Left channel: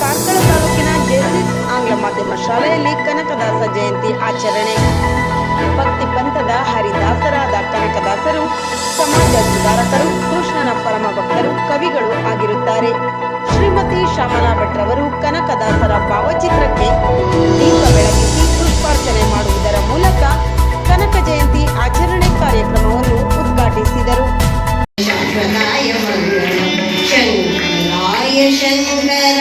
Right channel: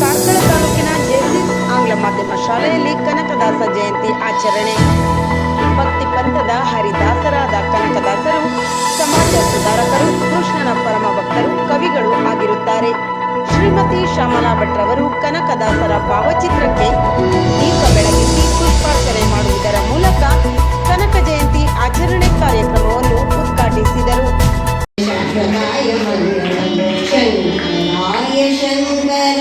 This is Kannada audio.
ಕಾರ್ಕಳ ತಾಲೂಕಿನ ಜೆಸಿಸ್ ಆಂಗ್ಲ ಮಾಧ್ಯಮ ಶಾಲೆಯಲ್ಲಿ ಕನಕದಾಸ ಜಯಂತಿ ಆಚರಣೆ. ಭಕ್ತಿ ಪಂಥದ ಹರಿದಾಸರಾದ ಕನಕದಾಸರು, ಸಮಾಜ ಸುಧಾರಕರು, ಕೃಷ್ಣನ ಪರಮ ಭಕ್ತರು, ಕವಿಗಳು ಆಗಿರುತ್ತಾರೆ. ಶ್ರೀಮತಿ ಶ್ಯಾಮಲಾ ಭಟ್ರವರು ಕನಕದಾಸರ ಭಾವಚಿತ್ರಕ್ಕೆ ದೀಪ ಬೆಳಗಿಸಿ ಪುಷ್ಪಾರ್ಚನೆ ಮಾಡುವುದರ ಮೂಲಕ ಕನಕ ಜಯಂತಿ ಆಚರಣೆ ಕಾರ್ಯಕ್ರಮವನ್ನು ಉದ್ಘಾಟಿಸಿದರು. ಶಂಕರಾಯ ಶಂಕರಾಯ